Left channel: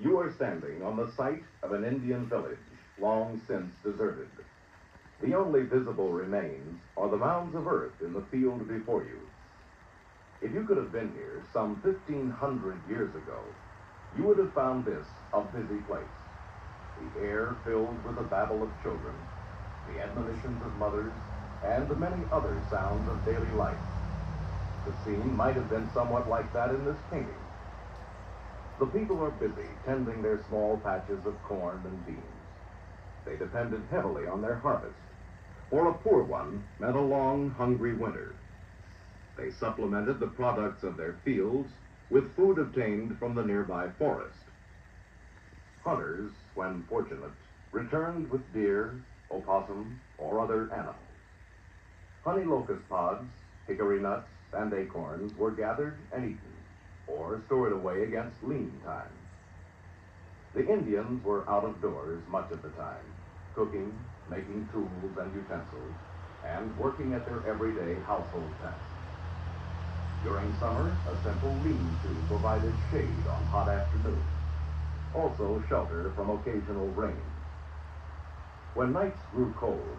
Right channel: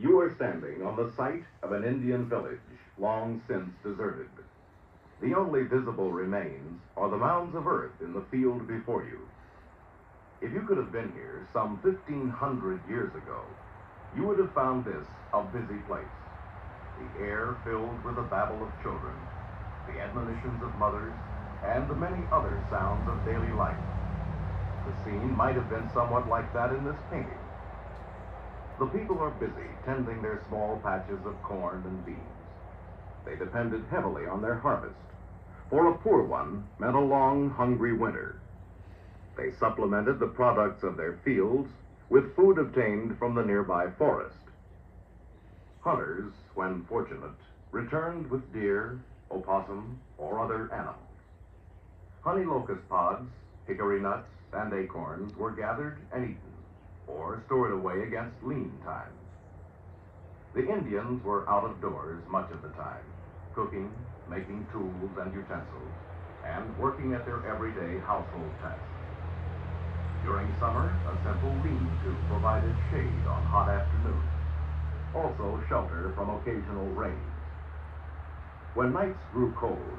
You are standing on the site of an Indian village, long since deserted. The only visible remains are the mounds of earth in the field before you. If you could have been here some 1,500 years ago, you would have found this a busy place. The air filled with the babble of children, the admonitions of mothers, and the many other sounds of daily life. The scene might have been somewhat like that in this painting. The people are busy tending their small patches of corn and beans. They depended heavily on their harvest, or a poor one meant a long, hungry winter. They supplemented the products of their fields with food obtained from the nearby forest. Hunters, when fortunate, returned with deer, opossum, or other animals. Honey locust pods, hickory nuts, and acorns were gathered and eaten, or stored away against lean times. The Indians were out of doors much of the time, cooking, making tools and utensils, and working at their everyday household tasks. During summer, a simple lean-to provided shade on hot afternoons, also shelter from occasional rains. When nights grew cold,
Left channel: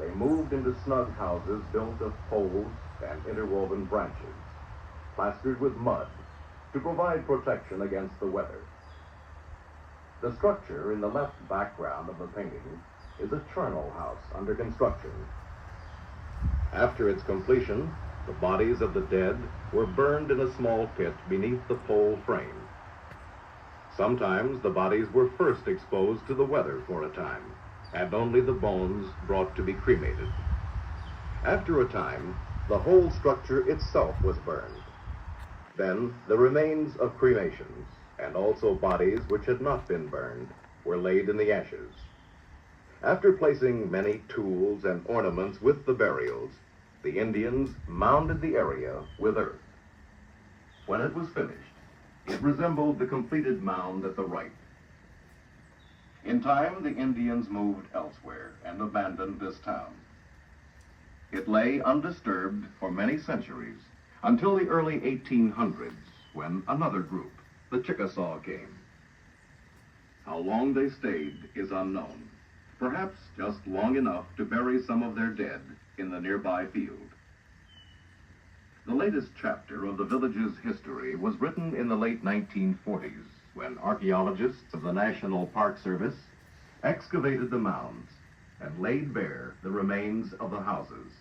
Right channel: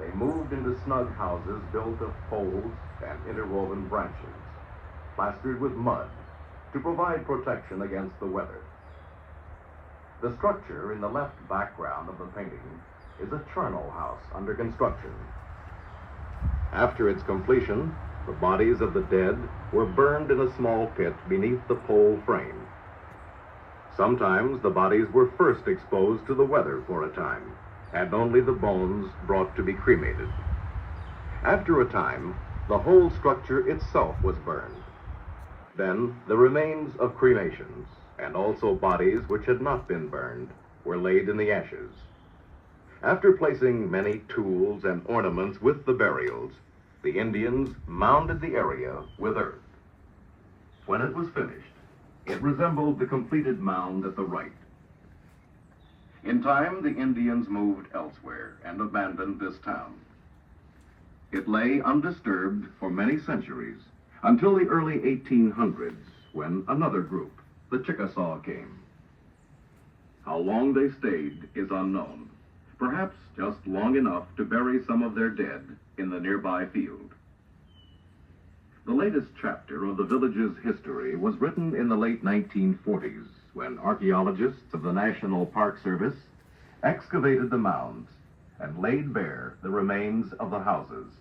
they moved into snug houses built of poles and interwoven branches, plastered with mud, to provide protection against the weather. The structure in the left background of the painting is a charnel house under construction. After its completion, the bodies of the dead were burned in a small pit beneath the pole frame. Sometimes the bodies were first exposed to the weather for a time, and only the bones brought to be cremated. After a time, the whole structure itself was burned. Then the remains of cremations, and also bodies which had not been burned, were laid in the ashes. After placing many tools and ornaments with the burials, the Indians mounded the area with earth. When it was finished, it resembled the completed mound at the right. In time, the Indians moved elsewhere and abandoned this town. It lay undisturbed for many centuries, until the early 1800s, when another group, the Chickasaw, came. How long they stayed is unknown, perhaps just long enough to bury some of their dead in the nearby field. The latest chapter of the village's history was written in the late 1940s, when archaeologists of the National Park Service excavated the mounds and laid bare the remains of the houses.